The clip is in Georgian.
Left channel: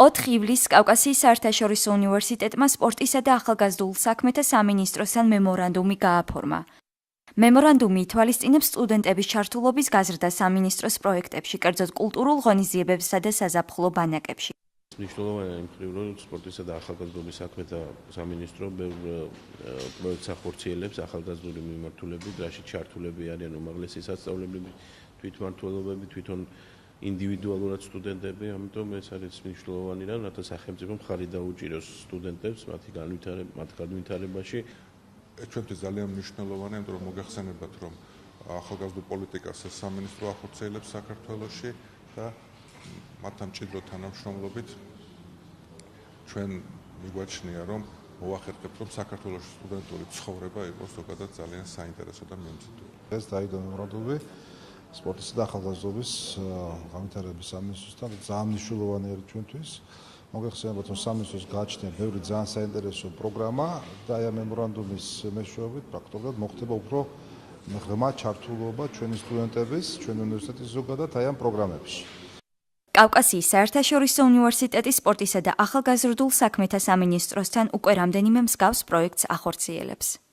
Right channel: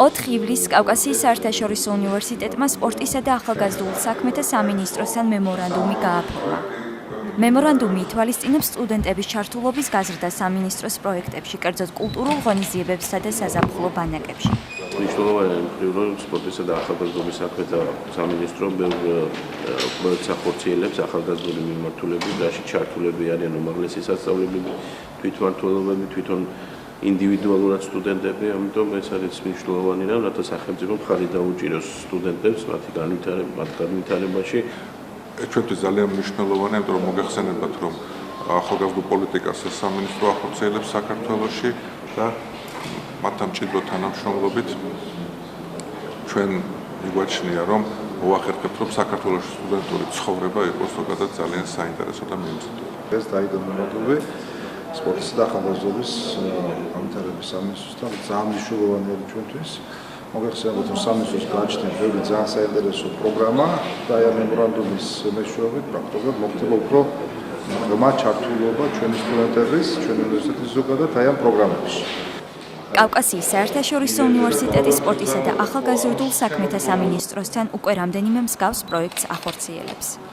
4 ივლისს კავკასიის საერთაშორისო უნივერსიტეტმა სპორტისა და ახალგაზრდულ საქმეთა სამინისტროსთან მემორანდუმი გააფორმა. მემორანდუმი ითვალისწინებს სტუდენტების ჩართულობის გაზრდას სამინისტროს პროექტებში, კერძოდ კულტურულ ღონისძიებებსა და საზაფხულო ბანაკებში. მნიშვნელოვანია მხრივ, რომ სპორტისა და ახალგაზრდობის საქმეთა სამინისტრო პროექტს ახორციელებს ახალგაზრდული მიმართულებით, რაშიც ჩართულები არიან უმაღლესი სასწავლებლები, თვითმმართველობები, თვითონ ინდივიდუალურად სტუდენტები, ამიტომ ეს არის მნიშვნელოვანი რამ, რათა სახელმწიფო მხარი დაუჭიროს სტუდენტებს მათი განვითარებაში. ჩვენთვის ძალიან მნიშვნელოვანია, იმიტომ რომ მოგეხსენებათ, რომ ახალგაზრდულ პოლიტიკას სამინისტრო ახორციელებს საქართველოში და მათთან მჭიდრო თანამშრომლობით ჩვენ მიგვაჩნია, რომ მოახერხებთ, რომ საქართველოში სტუდენტური ცხოვრება იყოს ზოგადად ძალიან საინტერესო და მიმზიდველი. ეს დაიდო მემორანდუმი სპორტისა და ახალგაზრდობის განვითარების სამინისტროსთან ძალიან მნიშვნელოვანი არის ჩვენთვის. მოგეხსენებათ, რომ სამინისტროს გააჩნია ბევრი ძალიან საინტერესო პროგრამა და აი ამ მემორანდუმის მეშვეობით პრაქტიკულად მოხდება უფრო ღრმა ჩართულობა ჩვენი სტუდენტების, ჩვენი უნივერსიტეტის ზოგადად აი ამ პროგრამებში. კავკასიის საერთაშორისო უნივერსიტეტის სპორტისა და ახალგაზრდულ საქმეთა სამინისტროსთან უკვე რამდენიმე მსგავს პროექტს ახორციელებს.